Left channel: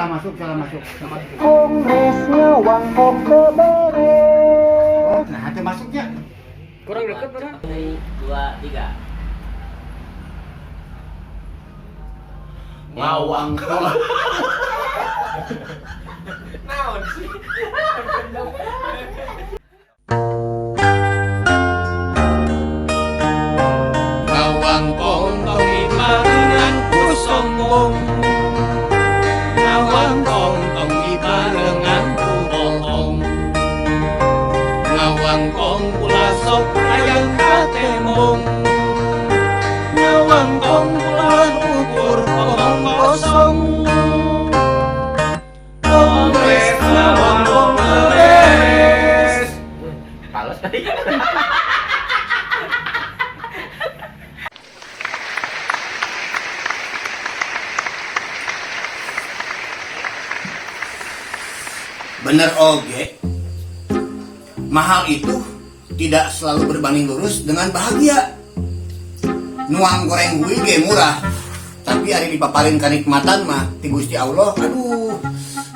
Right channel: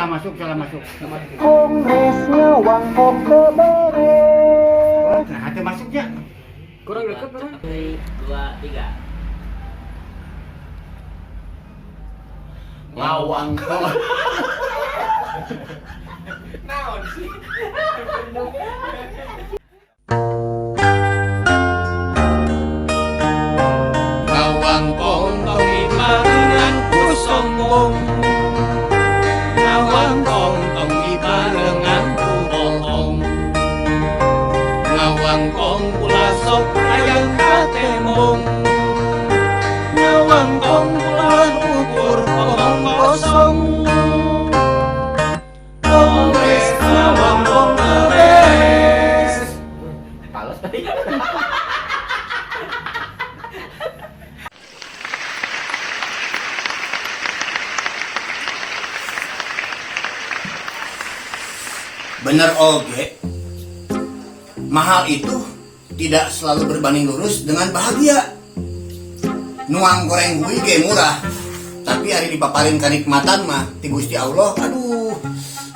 salah masuk. Kongresnya Wangkok beres. Nah, hati masuknya. Kurang dekat mana? 2, 3. Lawang kok. Naon sih? Ngawang kong ibarengan ku sombong, ngawang kong ibarengan ku bohong, ngawang kong pula sok ayang katembong, ngawang kong pula ukur kong kosong. Kongres ngawang kong beres. Palos tadi. Bener oge, mahal itu tidak selalu berbanding lurus dengan bahagia. Nuang goreng hui ge murah, tapi hari dipaparin kenikmatan mah ti Gusti Allah, aduh,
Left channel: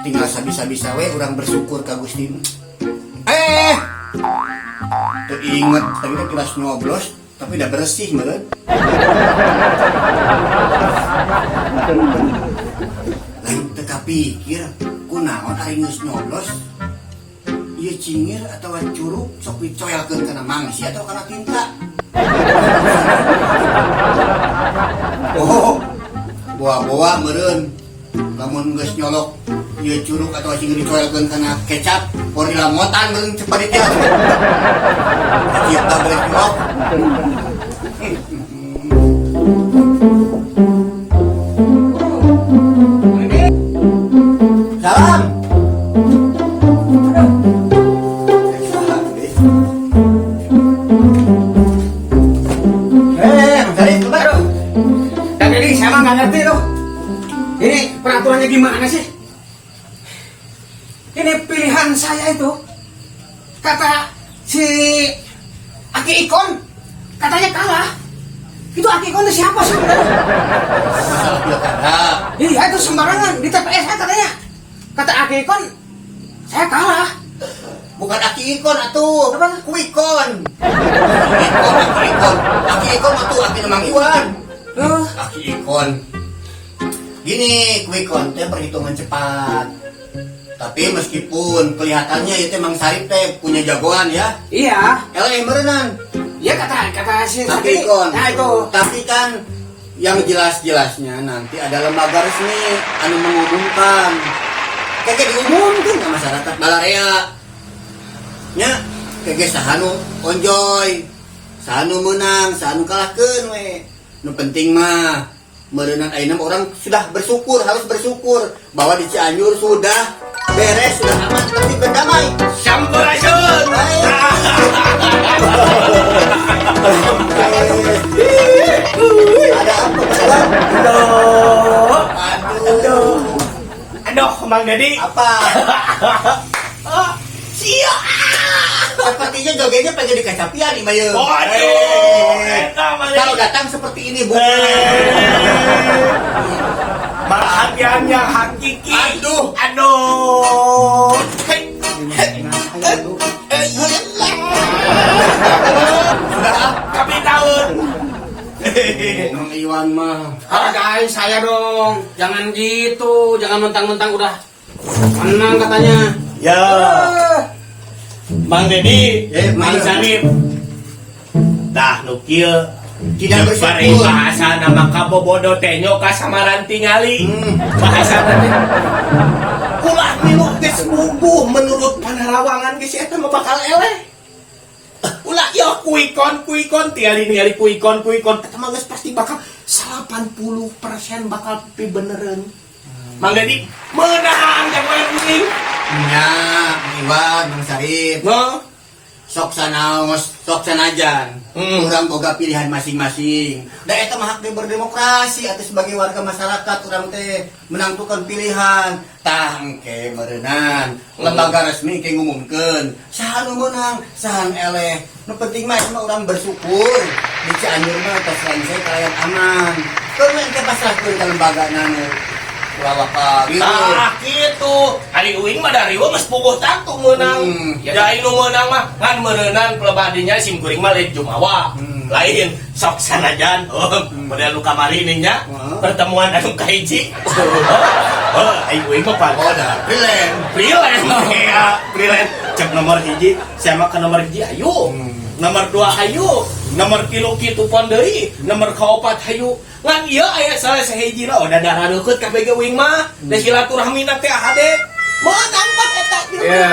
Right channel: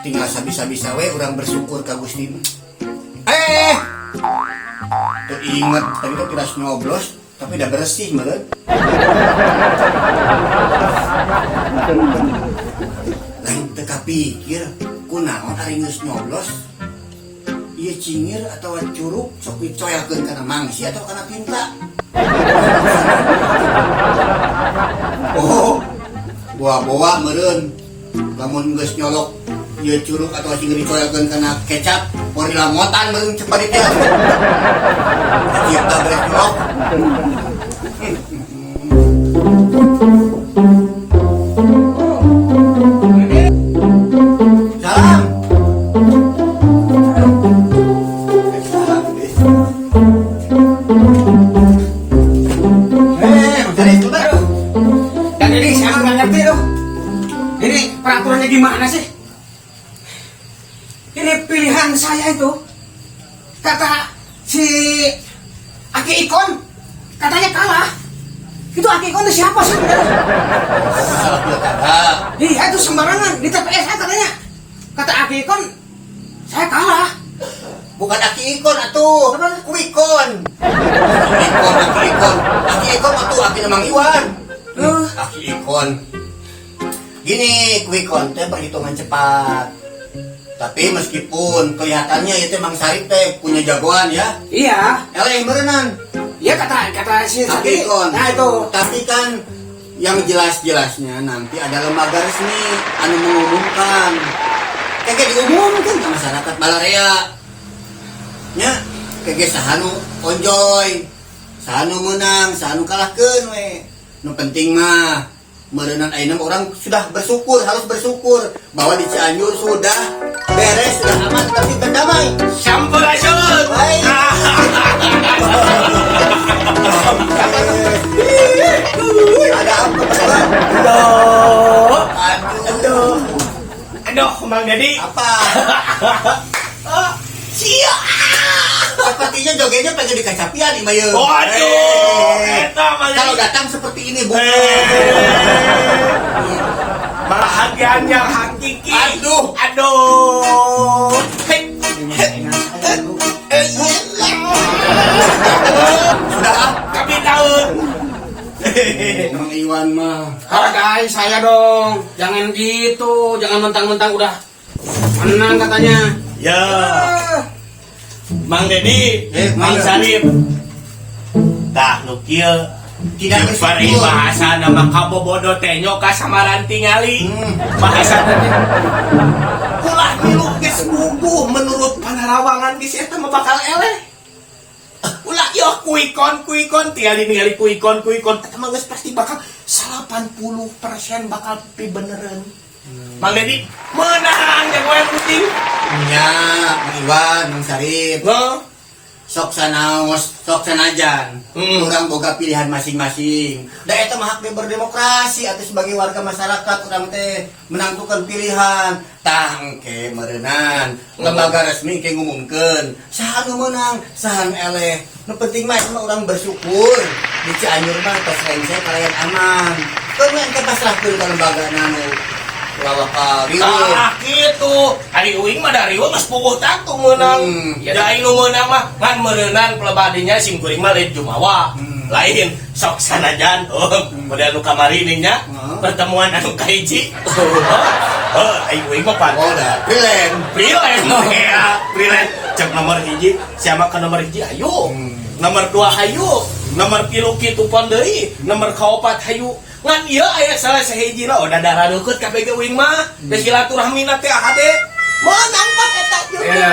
tinggal sabisa-bisa we urang bersyukur ka Gusti. Tuh inget, tadi tuh tiras nyoblos, tapi udah bersih meren. Lain teka pikir, kunaon ari geus nyoblos ieu cingir atau curug sok dicoyalkeun kana mangsi atau kana tinta. Oh, bawa meureun lamun geus nyolok ieu curug atau cingir dicoyalkeun kana kecap por dilamotan meureun cepat dia. Kita beres nyolok. Ini peraturannya gimana sih? Ini pilihan saya itu, kata si Aki Ikon, katanya kalah. Itu Aki Ikon itu siapa sih? Iya itu sembarangan di TPS saya katanya. Kata Aki Ikon, saya kalah. Bukan Aki Ikon atuh, Kuikon. Aki Ikon atuh Aki Mang Iwan. Aki Ikon. Gini, Kuikon teh perhitungan cepat. Tapi meskipun kelihatannya itu Mang Sarip teh punya jagoan ya. Iya. Yang berenang. Iya kata si Kuikon. Nah itu. Tapi kan yang jelas-jelasnya nanti ada lembaga resmi anu mengumumkan. Kayak diumumkan ke masyarakat Balarea. Nya, kayak sahanu onjoy. Sahanu menang, sahanu kalahkeun we. Nu penting mah merenang ayeuna orang sudah bersyukur, harus bersyukur bahwa di Cianjur sudah beres, sudah aman, tapi berdamai. Sampurasun. Ada apa? Aduh, Mang Dedi. Apa? Sia. Sepertinya jogetnya pengen dikacapian nih, Bayu. Waduh, eta Mang Dedi. Kalau datang seperti ini, Bu. Bahagian yang hakiki. Aduh. Kami tahun. Mang Iwan mah. Hargain saya dong, jangan gitu, jangan mentang-mentang udah menang katanya. Ya, Mang Dedi, Mang Sarip. Dah nukil. Tidak Pari bersyukur. bahasa nama kabobodo tenyo kasamaran tingali. Bahasa tadi. Ulah milu geus bubuh menurut panarawangan geus eta mah bakal eleh. Ulah yo kuikon tingali kuikon eta mah geus pasti bakal 80% bakal beneran. Mang Dedi meunang yang wae penting. Nya, Mang Iwan, Mang Sarip. Sok sanajan. Urang boga pilihan masing-masing. Da eta mah hak berdemokrasi atuh sebagai warga masyarakat urang teh menentukan pilihan. Tah engke meureunnan lembaga resmi ke ngumumkeun saha nu meunang, saha nu eleh. Nu penting mah urang bersyukur di Cianjur mah tos selesai kalian aman. Keur engke pasrahkeun ka lembaga anu Bawa kali. Nah, gitu. Ari uing mah dari uing mas puguh tangtung menang. Jadi nu menang mah kan merenang pelebadinya sim kuring mah lain jumawa. Lain sok sanajan. Model nu kamari ini nya pertemuan anu kahiji. Ayo uing mah pan. Oh, dah. Prilen. Ya, Prilen. Cek nomor hiji, siapa ke nomor hiji ayo. Nomor 2 hayu, nomor 3 kitu pon deui, nomor 4 hayu. Ngan ieu aya salah sahiji lah udah darah deukut ka BG Wing mah. Da silaturahmina teh hade. Moal angkat eta. Ya,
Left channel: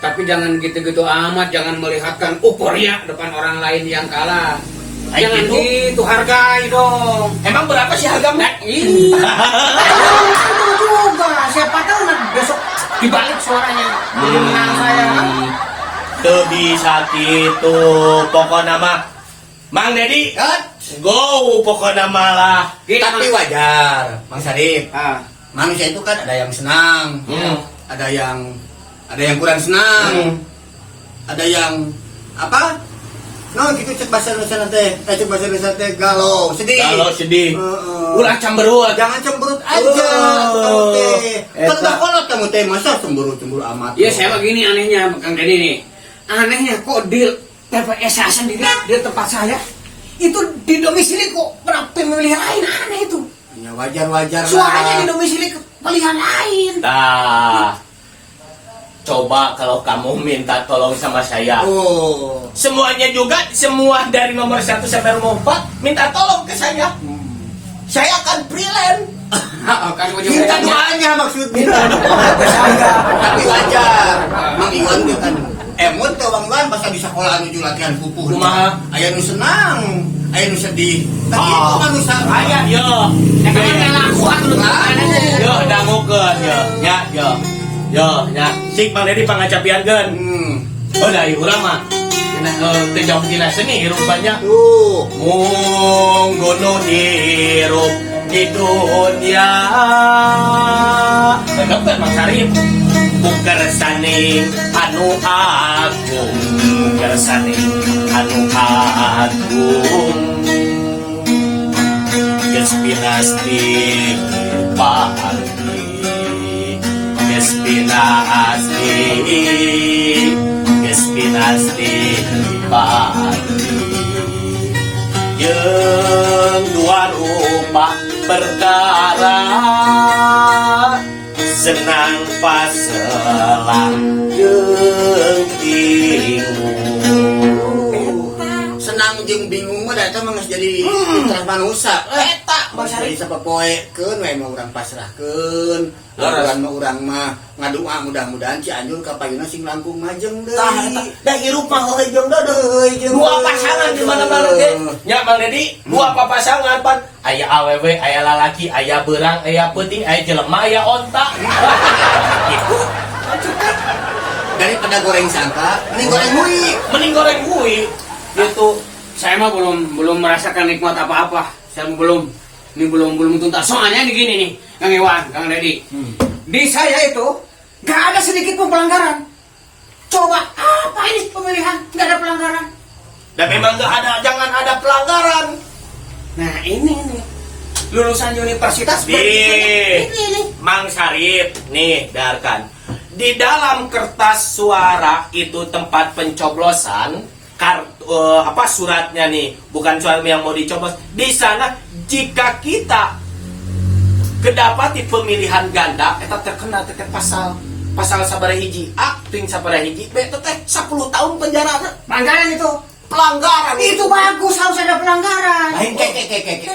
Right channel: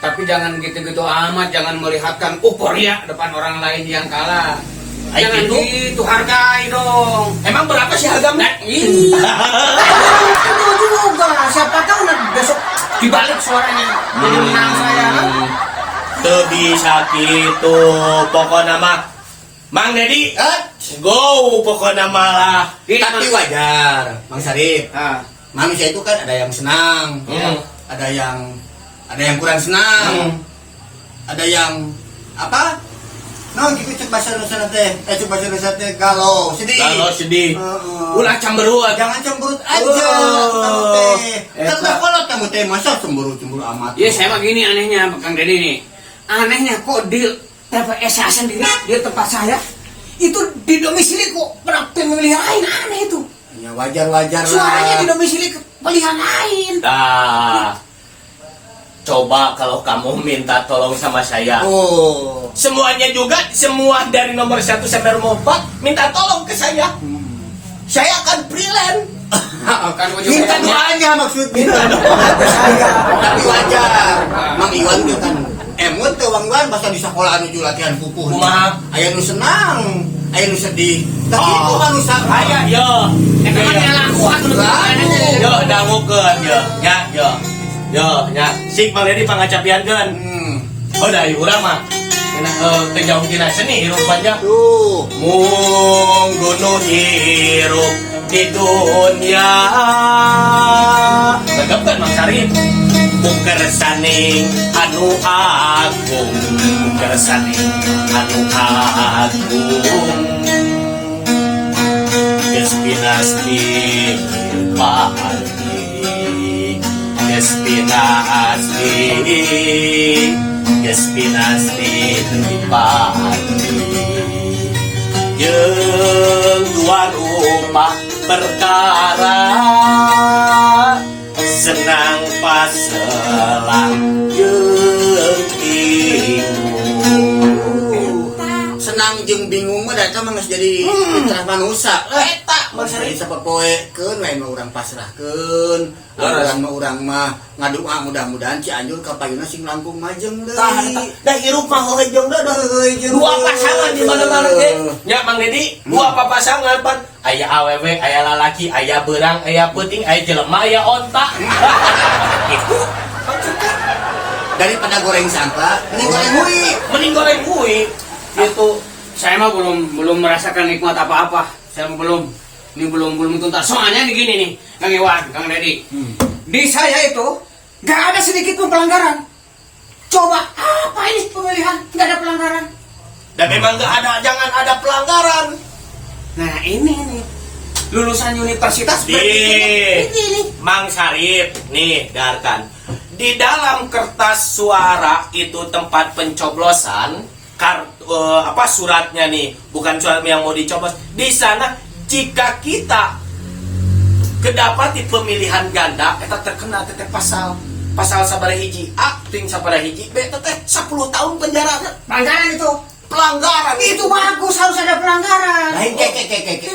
tapi jangan gitu-gitu amat, jangan melihatkan euforia depan orang lain yang kalah. Jangan gitu, hargai dong. Emang berapa sih hargamu? Ih, Itu juga, siapa tahu besok dibalik suaranya jadi menang saya. Teu bisa kitu, pokona mah Mang Dedi, go pokona mah lah. Tapi wajar, Mang Sarip. ah, Manusia itu kan ada yang senang, ada yang kurang senang, ada yang apa? No, gitu cek bahasa Indonesia teh, cek bahasa Indonesia teh galau, sedih. Kalau sedih, ulah cemberut. Jangan cemberut aja, kamu teh. Tetap kalau kamu teh masa cemberut amat. ya saya mah gini anehnya, Kang Dedi nih. Anehnya kok di TPS sendiri, di tempat saya, itu di domisili kok pemilihan lain, aneh itu. Ya wajar Suaranya di lah. domisili pilihan lain. Nah, coba kalau kamu minta tolong sama saya. Oh, Semuanya juga, semua dari nomor 1 sampai nomor 4 minta tolong ke saya. Saya akan freelance. Kan mau minta juga doanya maksudnya. Tapi wajar. Mang Iwan itu kan emut tuh Bang Iwan bahasa di sekolah itu latihan pupuh. Kumaha? Aya nu senang, aya nu sedih. Tapi itu kan nu salah. Aya yo. ya kan laku atuh. Yo dangukeun yo. Yo, nya. Sik Mang Dedi pangacapiankeun. Oh dari urang mah. Cenah teu jauh tina seni hirup panjang. Tuh. Mung gunung hirup di dunia. Tegapkeun Mang Sarip. Buker saning anu agung, buker saning anu agung. Geus pinasti pahari, geus pinasti pahari. Jeung dua rumah perkara senang paselang jeung bingung. Senang jeung bingung mah eta mah geus jadi fitrah manusia. Eta mah jadi sapopoekeun we mah urang pasrahkeun. Urang mah ngadoa mudah-mudahan Cianjur kapayuna sing langkung majeng deui. Da hirup mah heuh jeung da heuh jeung dua pasangan di mana-mana teh. Nya Mang Dedi, dua pasangan pan aya awewe, aya lalaki, aya beurang, aya peuting, aya jelema, aya onta. Gitu. Daripada goreng sangka, mending goreng hui. Mending goreng kuy. Gitu. Saya mah belum merasakan nikmat apa-apa. Saya belum tuntas. Soalnya gini nih, Kang Iwan, Kang Dedi. Di saya itu gak ada sedikit pun pelanggaran. Coba apa ini pemilihan gak ada pelanggaran? Dan memang jangan ada pelanggaran. Nah ini nih, lulusan universitas Di Mang Sarip nih, dengarkan. Di dalam kertas suara itu tempat pencoblosan, suratnya nih, bukan surat yang mau dicoblos. Di sana jika kita kedapati pemilihan ganda, kita terkena terkait pasal sabaraha hiji A, ting sabaraha hiji B, teh 10 tahun penjara. Pelanggaran itu. Pelanggaran Itu bagus, harus ada pelanggaran. Lain kayak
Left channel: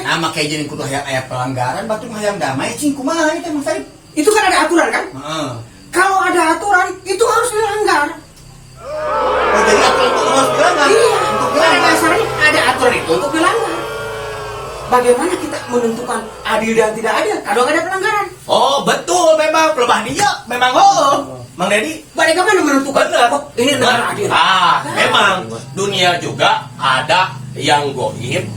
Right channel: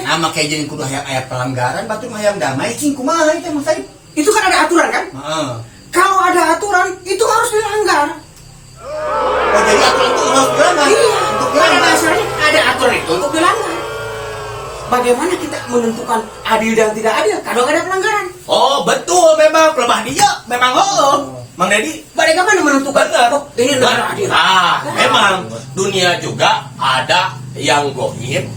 nama kayak jadi kudu aya pelanggaran batu hayang damai cing kumaha ieu teh Mas Said. Itu kan ada aturan kan? Heeh. Kalau ada aturan, itu harus dilanggar. Oh jadi aturan itu harus dilanggar. Iya, Untuk pada dilanggar. dasarnya ada aturan itu untuk dilanggar. Bagaimana kita menentukan adil dan tidak adil kalau ada pelanggaran? Oh betul, memang pelebah dia, memang Mang Dedi. Bagaimana menentukan? Benar. Oh, ini negara adil. Memang dunia juga ada yang goib,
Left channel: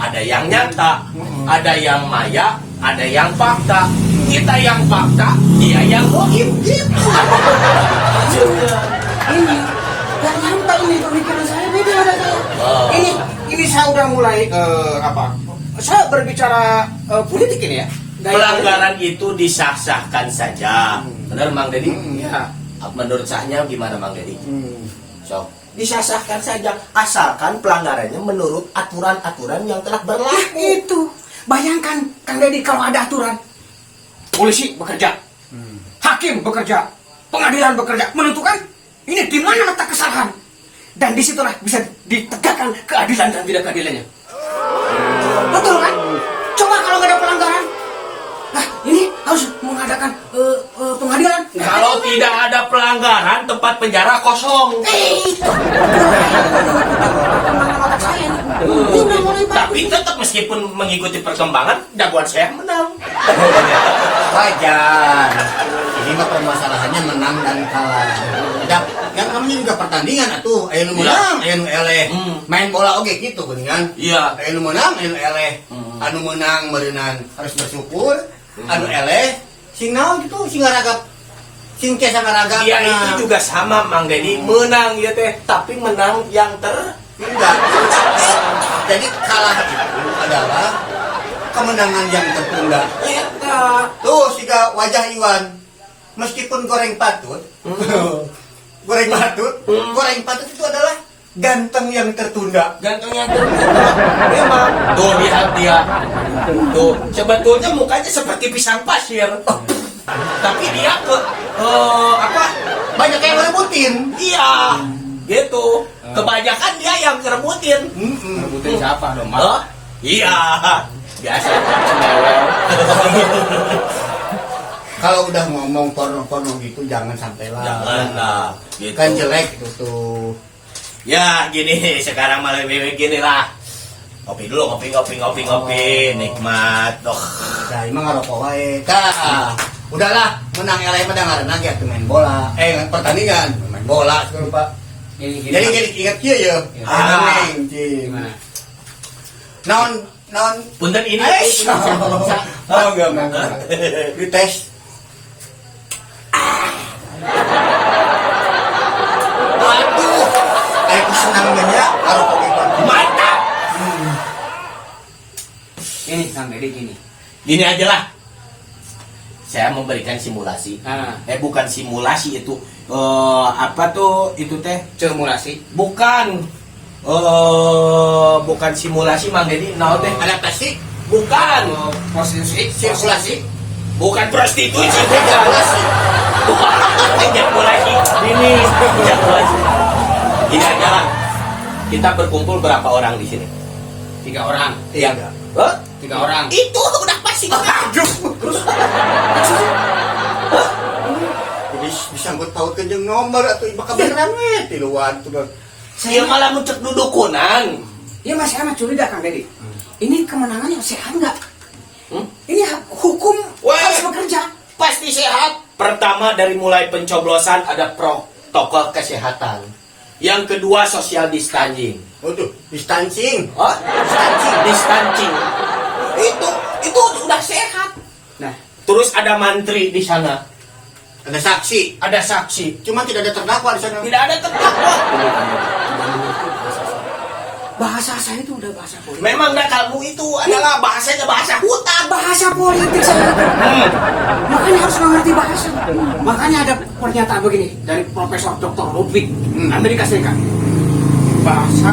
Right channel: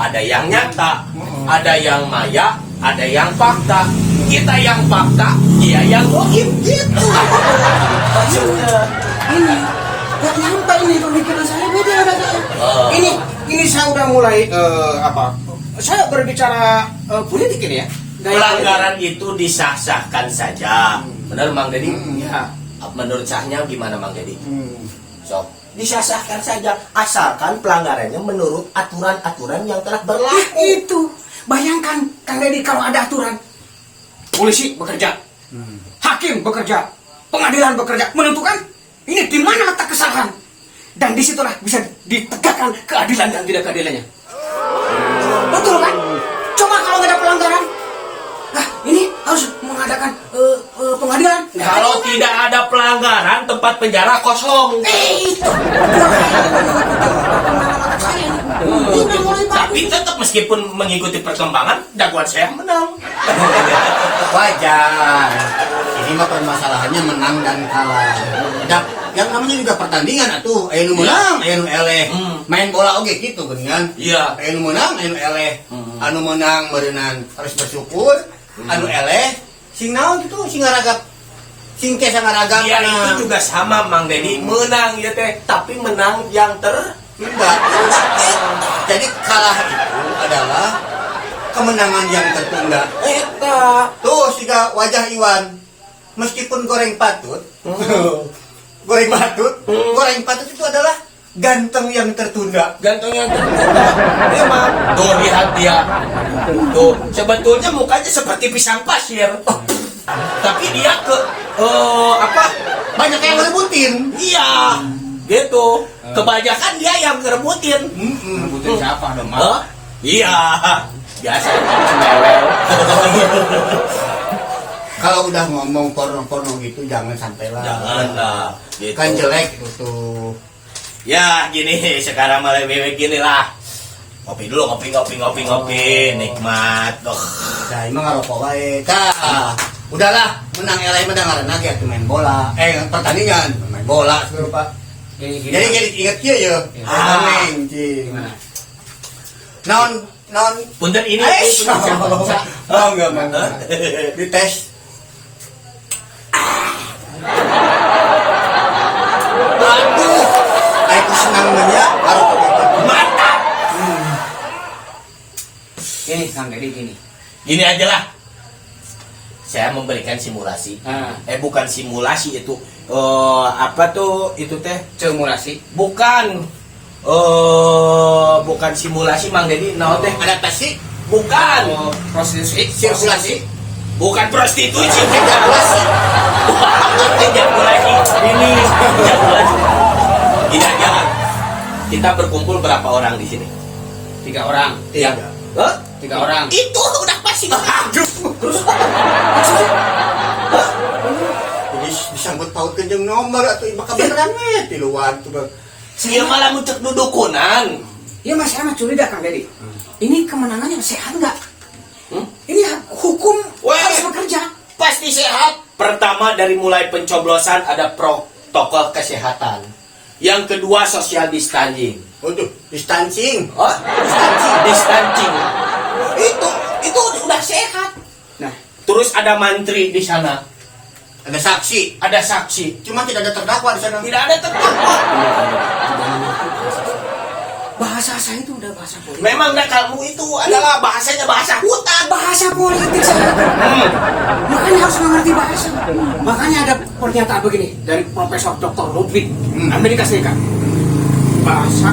ada yang nyata, ada yang maya, ada yang fakta. Kita yang fakta, dia yang goib. Gitu. Ini gak nyampe ini pemikiran saya beda ada saya. Ini saya udah mulai Saya berbicara politik ini ya. pelanggaran itu disah-sahkan saja. Benar Mang Dedi? Ya. Menurut sahnya gimana Mang Dedi? So, disah-sahkan saja asalkan pelanggarannya menurut aturan-aturan yang telah berlaku. Itu. Bayangkan Kang Deddy kalau ada aturan. Polisi bekerja. Hakim bekerja. Pengadilan bekerja. Menentukan ini di mana letak kesalahan. Dan disitulah bisa ditegakkan keadilan dan tidak keadilannya. Betul kan? Coba kalau nggak ada pelanggaran. Nah, ini harus mengadakan pengadilan. Kalau tidak ada pelanggaran, tempat penjara kosong. Tapi tetap meskipun mengikuti perkembangan, dakwaan saya menang. Wajar. Ini mah permasalahannya menang dan kalah. Dan yang namanya juga pertandingan atuh. Aya nu menang, aya nu eleh. Main bola oge gitu geuningan. Iya. Aya nu menang, aya nu eleh. Anu menang meureunnan harus bersyukur. Anu eleh sing naon gitu, sing ngaragap. Sing teh ngaragap. Ya itu juga sama Mang Dedi, menang ya teh, tapi menang yang Tidak. Jadi kalah itu adalah kemenangan yang tertunda. Tuh siga wajah Iwan. Meskipun goreng patut, goreng patut itu adalah ganteng yang tertunda. Gantengnya tertunda. Memang. Tuh lihat dia. Tuh sebetulnya mukanya seperti pisang pasir. Tapi dia Banyak yang ngerebutin. Iya. Gitu. Kebanyakan dia yang ngerebutin. Rebutin siapa dong? Hah? Iya. Biasa. Kalau udah ngomong porno gitu jangan sampai lah. Jangan lah. Gitu. Kan jelek itu tuh. Ya gini sekarang malah begini lah. Kopi dulu, ngopi, nikmat. Ya emang ngarokok wae. Udahlah, menang eleh menang aja tuh main bola. Pertandingan main bola segala Pak. Jadi ingat kieu ya. Neng cing. Naon Punten ini Oh enggak mau. Dites. Aduh. Aku senang banget kalau mantap. Ini Kang Deddy gini. Gini aja lah. Saya memberikan simulasi. Ah. Bukan simulasi itu. Apa tuh itu teh? Simulasi. Bukan. Bukan simulasi Mang Deddy. Nah teh adaptasi. Bukan. Prostitusi. Sirkulasi. Bukan prostitusi. Sirkulasi. Ejakulasi. Ini. Ejakulasi. Gini aja lah. Kita berkumpul berapa orang di sini? 3 orang. Iya. 3 orang. Itu udah pasti. Aduh. Jadi disambut pautkeun jeung nomor atuh bakal beneran we tiluan tuh. Dia malah mencek dudukunan. Ya mas, saya mah curiga Kang Deddy. Ini kemenangannya sehat nggak? Ini hukum harus bekerja. Pasti sehat. Pertama dari mulai pencoblosan ada protokol kesehatan. Yang kedua social distancing. Oh tuh, distancing. Oh, distancing. Itu udah sehat. Nah, Terus ada mantri di sana. Ada saksi. Ada saksi. Cuma tidak ada terdakwa di sana. Tidak ada terdakwa. bahasa saya itu udah bahasa politik. Memang dah kamu itu adalah bahasanya bahasa hutan. Bahasa politik saya. Makanya harus mengerti bahasa. Makanya ada pernyataan begini dari Profesor Dr. Ludwig Amerika Serikat. Bahasa,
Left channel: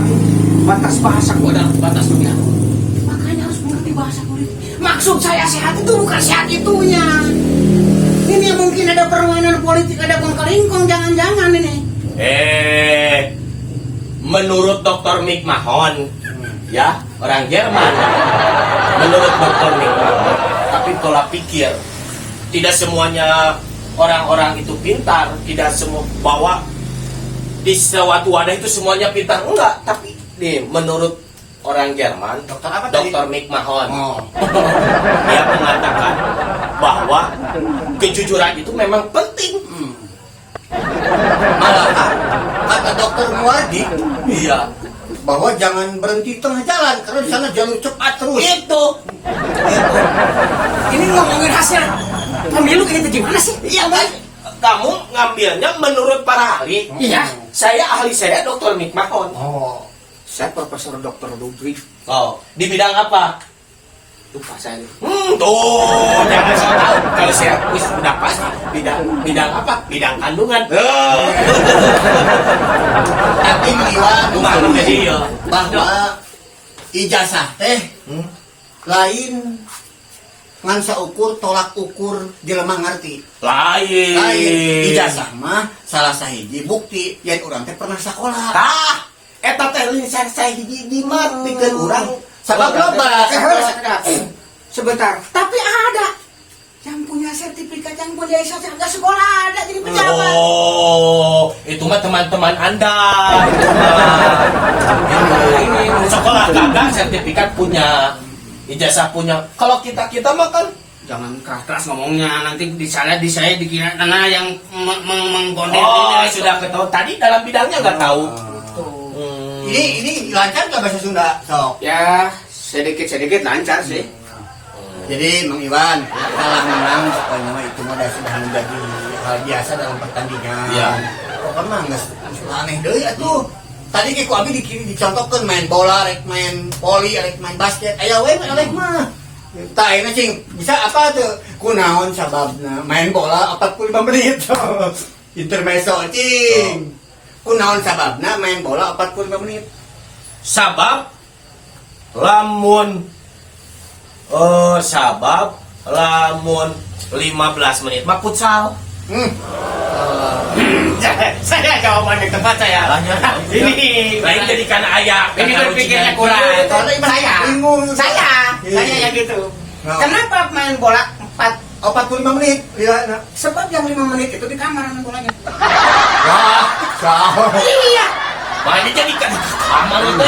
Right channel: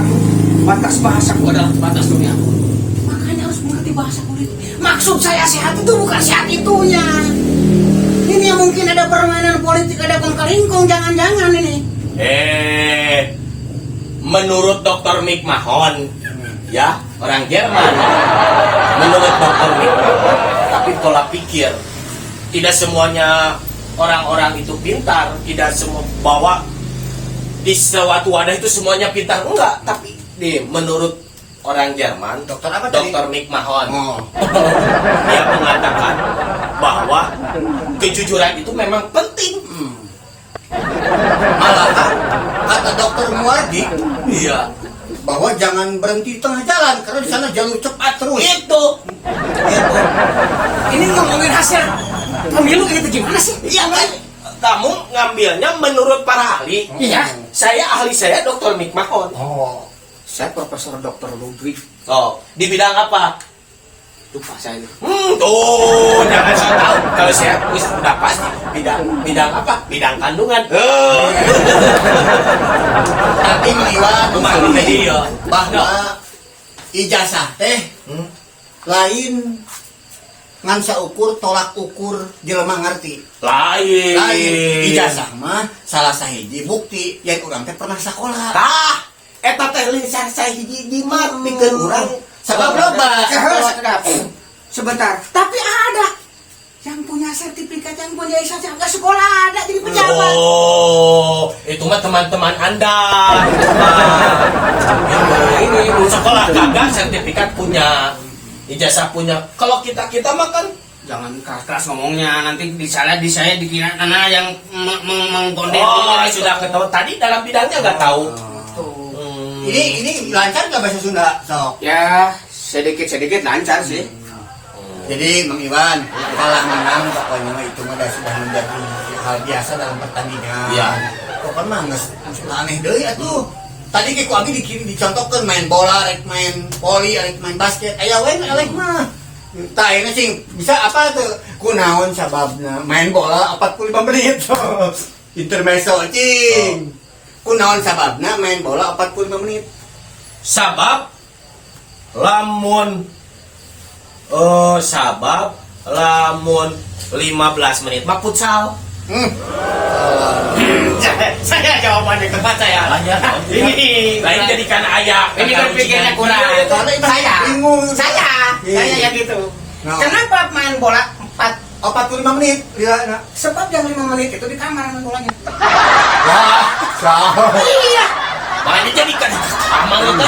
batas bahasaku adalah batas dunia. Makanya harus mengerti bahasa politik. Maksud saya sehat itu bukan sehat itunya. Ini yang mungkin ada permainan politik, ada kongkalingkong, jangan-jangan ini. Menurut Dr. Mick Mahon, ya, orang Jerman. Menurut Dr. Mick Mahon, tapi pola pikir. Tidak semuanya orang-orang itu pintar, tidak semua bahwa di suatu wadah itu semuanya pintar, enggak, tapi menurut orang Jerman, Dokter apa tadi? Dr. Mick Mahon, Oh. dia mengatakan bahwa kejujuran itu memang penting. Kata dokter Muardi, Iya, bahwa jangan berhenti tengah jalan karena di sana jalur cepat terus. itu. Ini ngomongin hasil pemilu itu gimana sih? Iya kan? Kamu ngambilnya menurut para ahli. Iya. Ahli saya Dr. Mick Mahon. Oh. Saya Profesor Dr. Ludwig. Oh, di bidang apa? lupa saya. Tuh, jangan salah. Kalau saya bisa udah pasti bidang apa? Bidang kandungan. Tapi Iwan Bukan jadi ya. bahwa ijazah teh lain ngan saukur tolak ukur jelema ngarti. Lain. Ijazah mah salah sahiji bukti yang urang teh pernah sekolah. Tah, eta teh lisan sahiji di mah pikeun urang Sabab loba. Sebentar, tapi ada yang punya sertifikat, yang punya sertifikat sekolah ada jadi pejabat. Oh, itu mah teman-teman Anda. Ini sekolah kagak sertifikat punya, ijazah punya. Kalau kita mah kan Jangan keras ngomongnya, nanti di saya dikira Nana yang mengkondem oh, sudah ketahuan tadi dalam bidangnya nggak tahu. Ini lancar nggak bahasa Sunda, sok? Ya, sedikit lancar sih. Jadi Mang Iwan kalah menang pokoknya mah itu mah sudah menjadi hal biasa dalam pertandingan. Iya. Pokoknya nggak aneh deui atuh. Tadi ke abi dicontohkeun main bola, rek main voli, rek main basket. Aya we eleh mah. Tah ini cing bisa apa tuh? Kunaon sababna main bola 45 menit. Intermezzo cing. Kunaon sababna main bola 45 menit. Sabab lamun 15 menit mah futsal. Saya jawabannya tepat saya. Ini lain jadi karena ayah. Ini berpikirnya kurang. Saya yang gitu. Nah. Kenapa main bola 45 menit. Iya, nah. sebab yang 5 menit itu di kamar main bolanya. Wah, sah. Iya. Malah dijadikan kamar itu.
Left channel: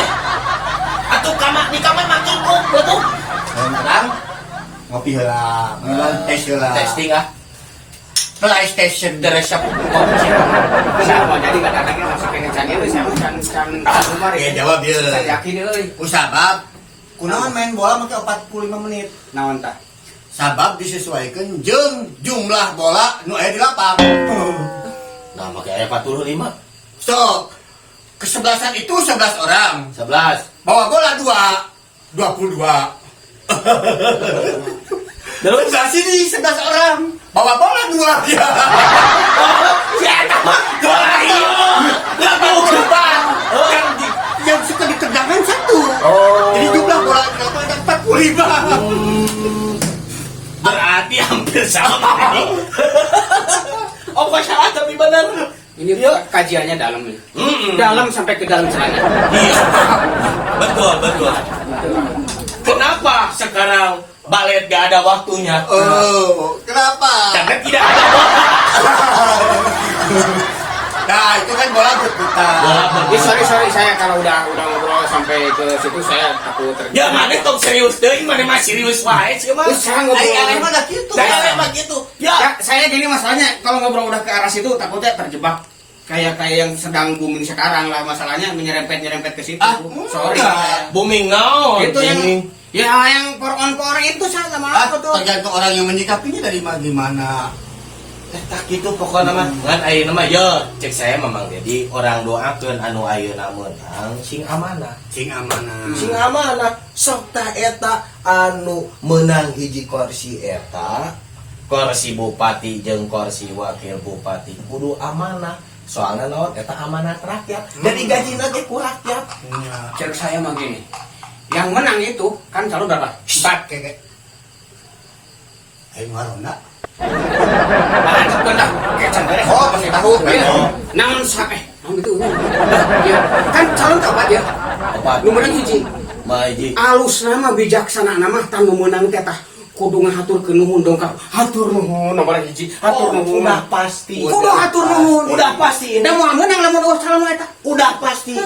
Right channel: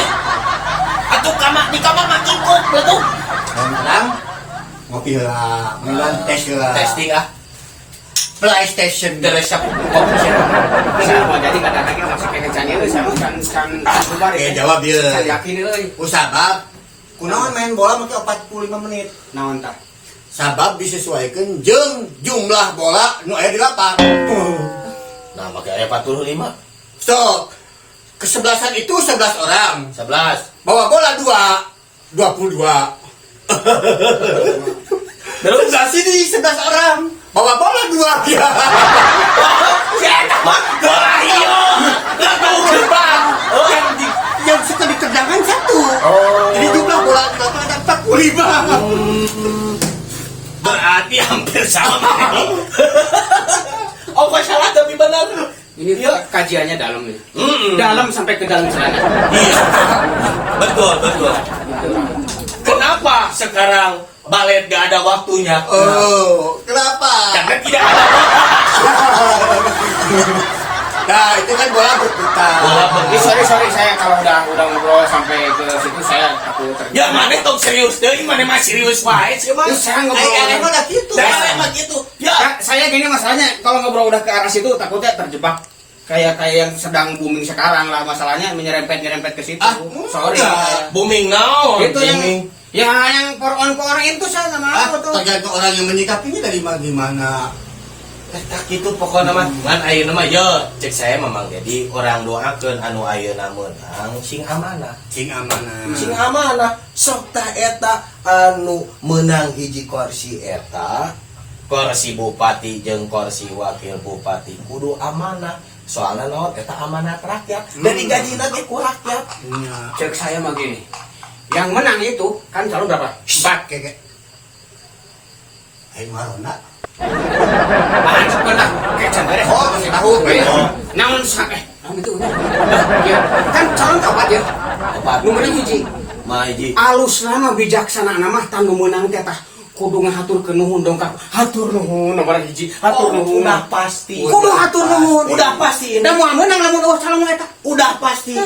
Atau kamar di kamar makin kok betul. Kadang ngopi heula, mendingan tes heula. Testing ah. PlayStation Teresap Siapa jadi kadang-kadang langsung pengen canggih siapa kan bubar ya jawab Saya ya. yakin euy. Sabab kunaon main bola make 45 menit. Naon tah? Sabab disesuaikan jeung jumlah bola nu aya di lapang. Nah, makanya 45. So, kesebelasan itu 11 orang. 11. Bawa bola 22. Terus sini 11 orang. Bawa bola 2. Ya, bola iyo. Depan. Kan yang suka di tendangan 1. Jadi jumlah bola di lapang ada 45. Berarti hampir sama ini. Oh, kok salah tapi benar. Ini kajiannya dalam nih. Dalam sampai ke dalam celana. Betul. Kenapa sekarang balet gak ada waktunya? Oh, kenapa? Karena tidak ada bola. Nah, itu kan bola berputar. Sorry saya kalau udah ngobrol sampai ke situ saya takut terjadi. Ya mana tong serius deh, mana mah serius wae sih mah. Saya ngobrol. Emang gak gitu. Saya emang gitu. Ya, Saya gini masalahnya kalau ngobrol udah ke arah situ takutnya terjebak kayak yang sedang booming sekarang lah masalahnya menyerempet ke situ. Sorry. booming now. Itu yang for on itu saya nggak mau tuh. Tergantung orang yang menyikapinya dari gimana. Tak gitu pokoknya mah. Ngan ayeuna mah yo cek saya memang jadi orang doakeun anu ayeuna meunang sing amanah. Sing amanah. Sing amanah sok tah eta anu menang hiji kursi eta kursi bupati jeung kursi wakil bupati kudu amanah soalnya naon eta amanat rakyat jadi gajina ge ku rakyat. Cek saya mah gini. Yang menang itu kan calon berapa? 4 Keke. Ayo warona. Benar. Tahu. Namun itu. Ya, kan calon kapan ya? Nomor hiji. Maiji Alus nama bijaksana nama tanggung menang teh tah kudu ngahaturkeun nuhun dongkap. Hatur nuhun nomor hiji. Hatur nuhun. udah pasti. Kudu hatur nuhun. Udah pasti. Da moal meunang lamun eueuh calon eta. Udah pasti.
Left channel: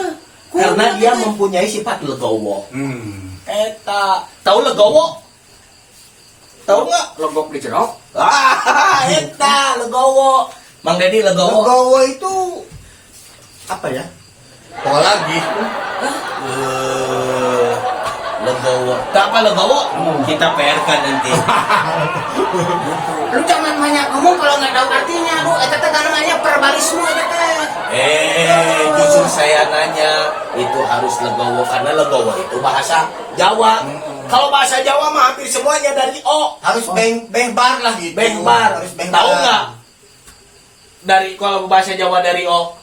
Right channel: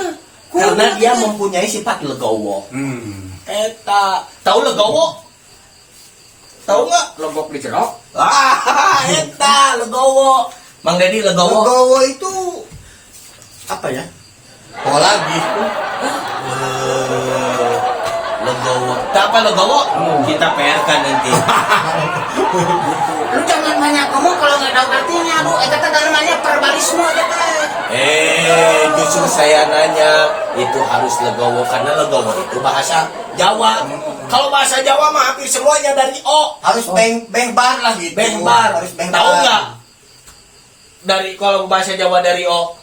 Karena dia mempunyai sifat legowo. Eta tahu legowo? Tahu nggak? Logok di jerok. Eta legowo. Mang Dedi legowo. Legowo itu Apa ya? pola gitu. Legowo. Tak apa legowo? Kita PR-kan nanti. Lu jangan banyak ngomong kalau nggak tahu artinya. Aduh, eta teh namanya verbalisme aja teh. Justru saya nanya itu harus legowo karena legowo itu bahasa Jawa. Kalau bahasa Jawa mah hampir semuanya dari O. Harus bengbar lah gitu. Bengbar. Harus bengbar. Tahu nggak? Dari kalau bahasa Jawa dari O.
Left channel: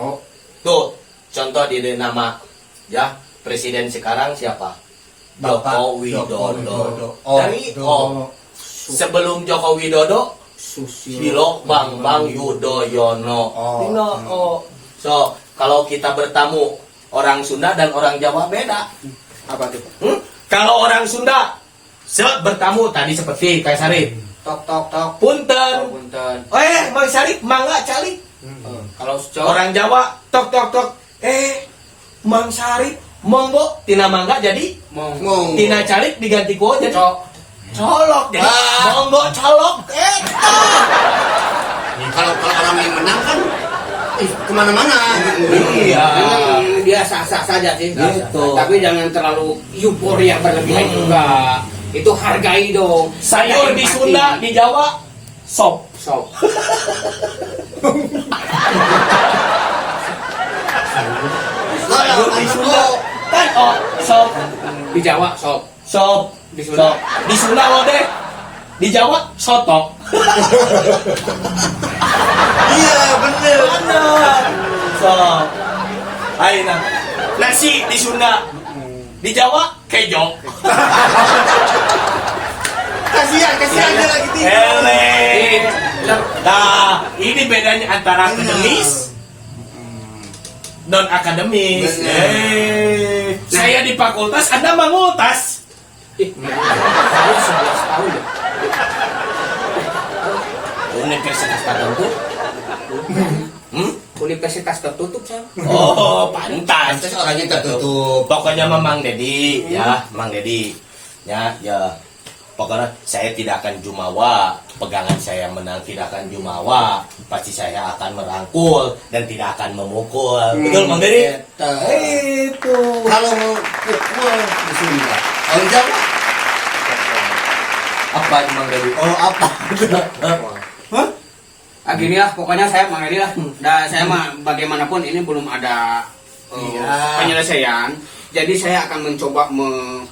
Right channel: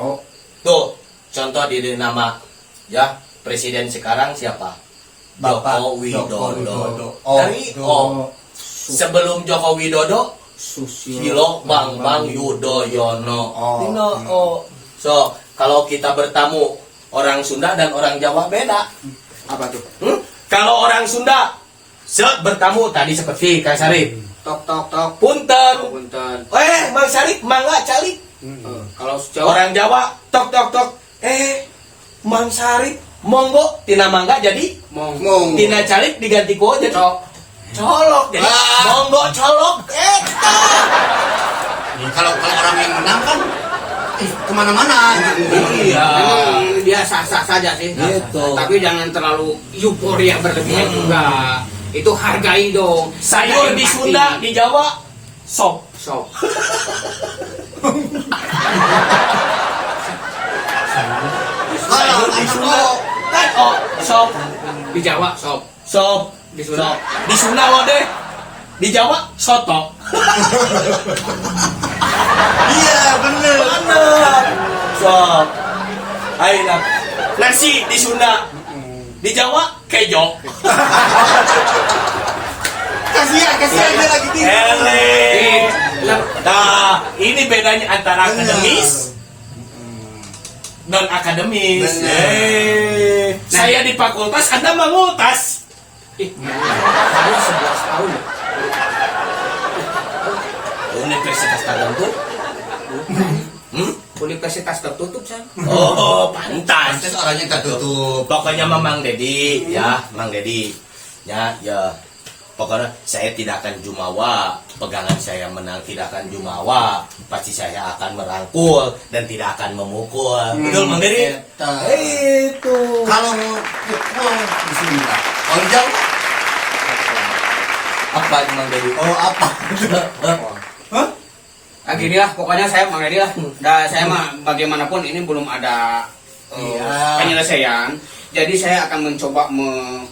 Oh, Tuh, contoh di nama ya presiden sekarang siapa? Bapak Joko Widodo. Joko Widodo. Dari O. Sebelum Joko Widodo, Susilo Bambang Yudhoyono. Dino O. So, kalau kita bertamu orang Sunda dan orang Jawa beda. apa tuh? Kalau orang Sunda bertamu tadi seperti Kang Sarip. Tok tok tok. Punten. Punten. Mang Sarip, mangga calik. Kalau Orang Jawa tok tok tok. Mang Sarip, monggo tina mangga jadi mong. tina calik diganti ku jadi colok jadi monggo colok. Kalau orang yang menang kan kemana-mana. Iya. Memang dia sah-sah saja sih. Gitu. Tapi jangan terlalu euforia berlebihan juga. Itu hargai dong. Sayur di Empati. Sunda, di Jawa sop. Sop. Sayur di Sunda kan sop. Di Jawa sop. Sop Di Sunda? Sop. Di Sunda lo deh. Di Jawa soto. Iya, bener. Bener. Sop. Ayo nasi di Sunda. Di Jawa kejo. Kasihan dia lagi tinggal. Ele. Nah, ini bedanya antara akademis non akademis. Saya di fakultas, Anda mengutas. Saya 11 tahun ya. Universitas tertentu. Universitas tertutup kan? Oh, pantas. Pantes orangnya tertutup. Pokoknya Mang Dedi, ya, Mang Dedi. Ya. Pokoknya saya tidak akan jumawa, pegangan saya menang tidak akan jumawa, pasti saya akan merangkul dan tidak akan memukul. Betul Mang Dedi? Itu. Kalau mau pukul di sini Pak. Kalau jauh Apa Mang Dedi? oh apa? Hah? Gini lah, pokoknya saya Mang Edi lah. Saya mah bagaimanapun ini belum ada penyelesaian. Jadi saya akan mencoba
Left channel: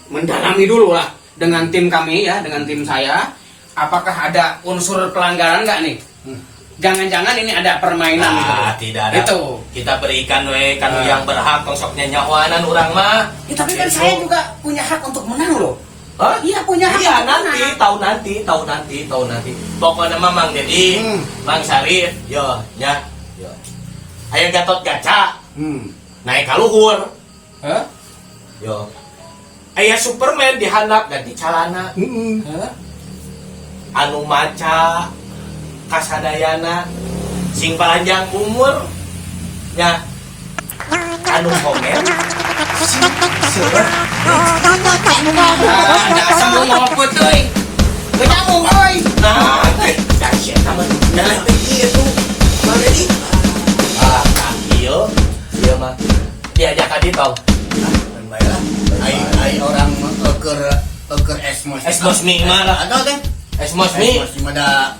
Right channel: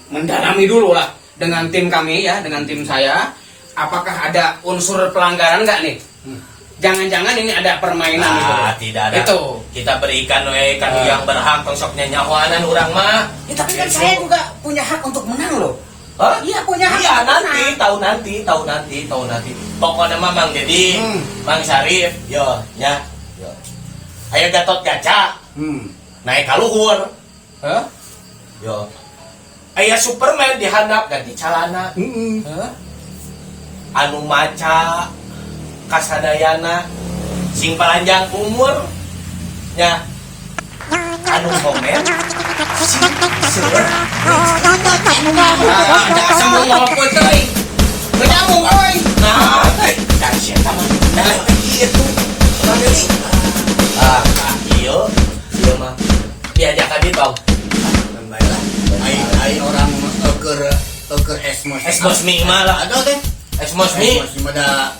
mendalami dulu lah dengan tim kami ya, dengan tim saya. Apakah ada unsur pelanggaran nggak nih? Jangan-jangan ini ada permainan gitu. Tidak ada. Itu. Kita berikan kan yang berhak tongsoknya nyawanan orang mah. Ya, tapi kan saya juga punya hak untuk menang loh. Hah? Iya punya hak. Iya untuk nanti, tahu nanti. Pokoknya Mang Dedi, Mang Sarif, yo. Ayo Gatot Kaca, naik ka luhur. Hah? Yo. Aya Superman dihandap ganti calana. Hah? Anu maca kasadayana sing panjang umur ya. Anu homer Dasar mau apa tuh? Kenapa boy? nah, kasih sama itu Mang Dedi. Iya mah diajak ka ditu. Dan baiklah. Ai orang eker esmos Mi mah lah. ada teh. Esmos Mi. Ada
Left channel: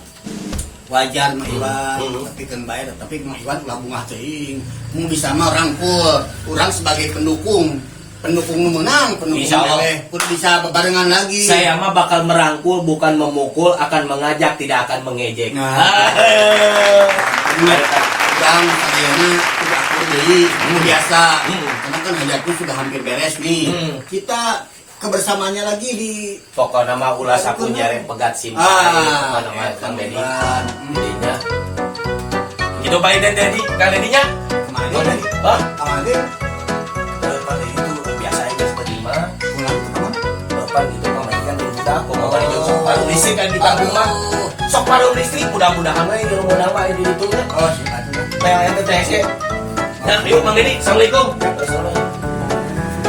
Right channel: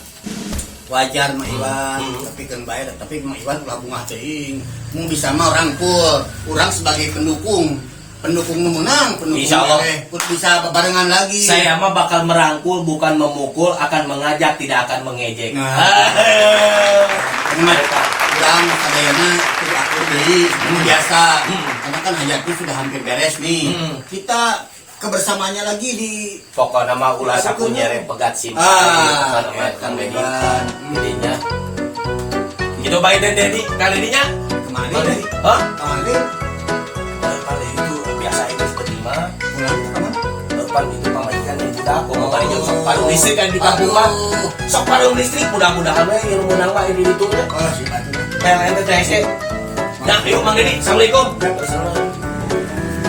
wajar mah Iwan, tapi kan bayar, tapi mah Iwan ulah bunga teuing. Mun bisa mah rangkul, urang sebagai pendukung nu menang, pendukung Insya Allah. pun bisa bebarengan lagi. Saya mah bakal merangkul bukan memukul, akan mengajak tidak akan mengejek. Urang kadayana kudu akur deui, anu biasa. Karena kan hajatnya sudah hampir beres nih. Kita kebersamaannya lagi di Pokoknya mah ulah sakunya pegat sim. Pokoknya mah Kang Dedi. Jadinya gitu baik dan Dedi, Kang Dedinya. kemana Oh, Dedi? Hah? Kemana? Kalau itu biasa aja seperti mah. Pulang ke mana? Depan itu pematikan yang budak, pokoknya di sok paru listrik kan di kampung mah. Sok paru listrik mudah-mudahan we ilmu menang mah di ditu nya. Oh, si Atu. PLN TTC. Nah, yuk Mang Dedi. Assalamualaikum.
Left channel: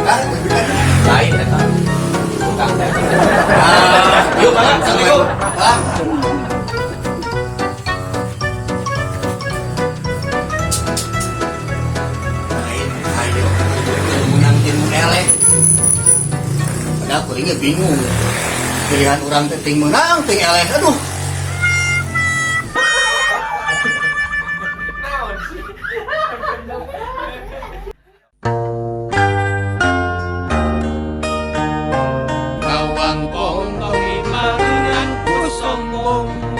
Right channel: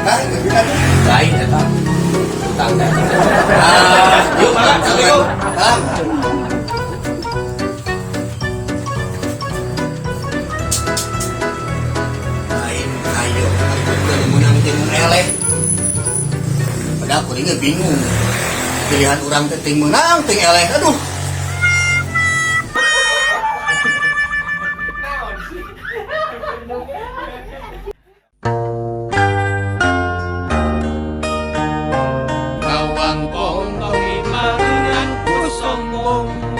Kan, lebih lagi. Lain eta. Tukang teh. Yuk, Mang. Assalamualaikum. Bang. Main ayo menang tim eleh. ada aku ini bingung. Pilihan orang teh ting menang, ting eleh, aduh. Bawang pong kau iman dengan ku sombong.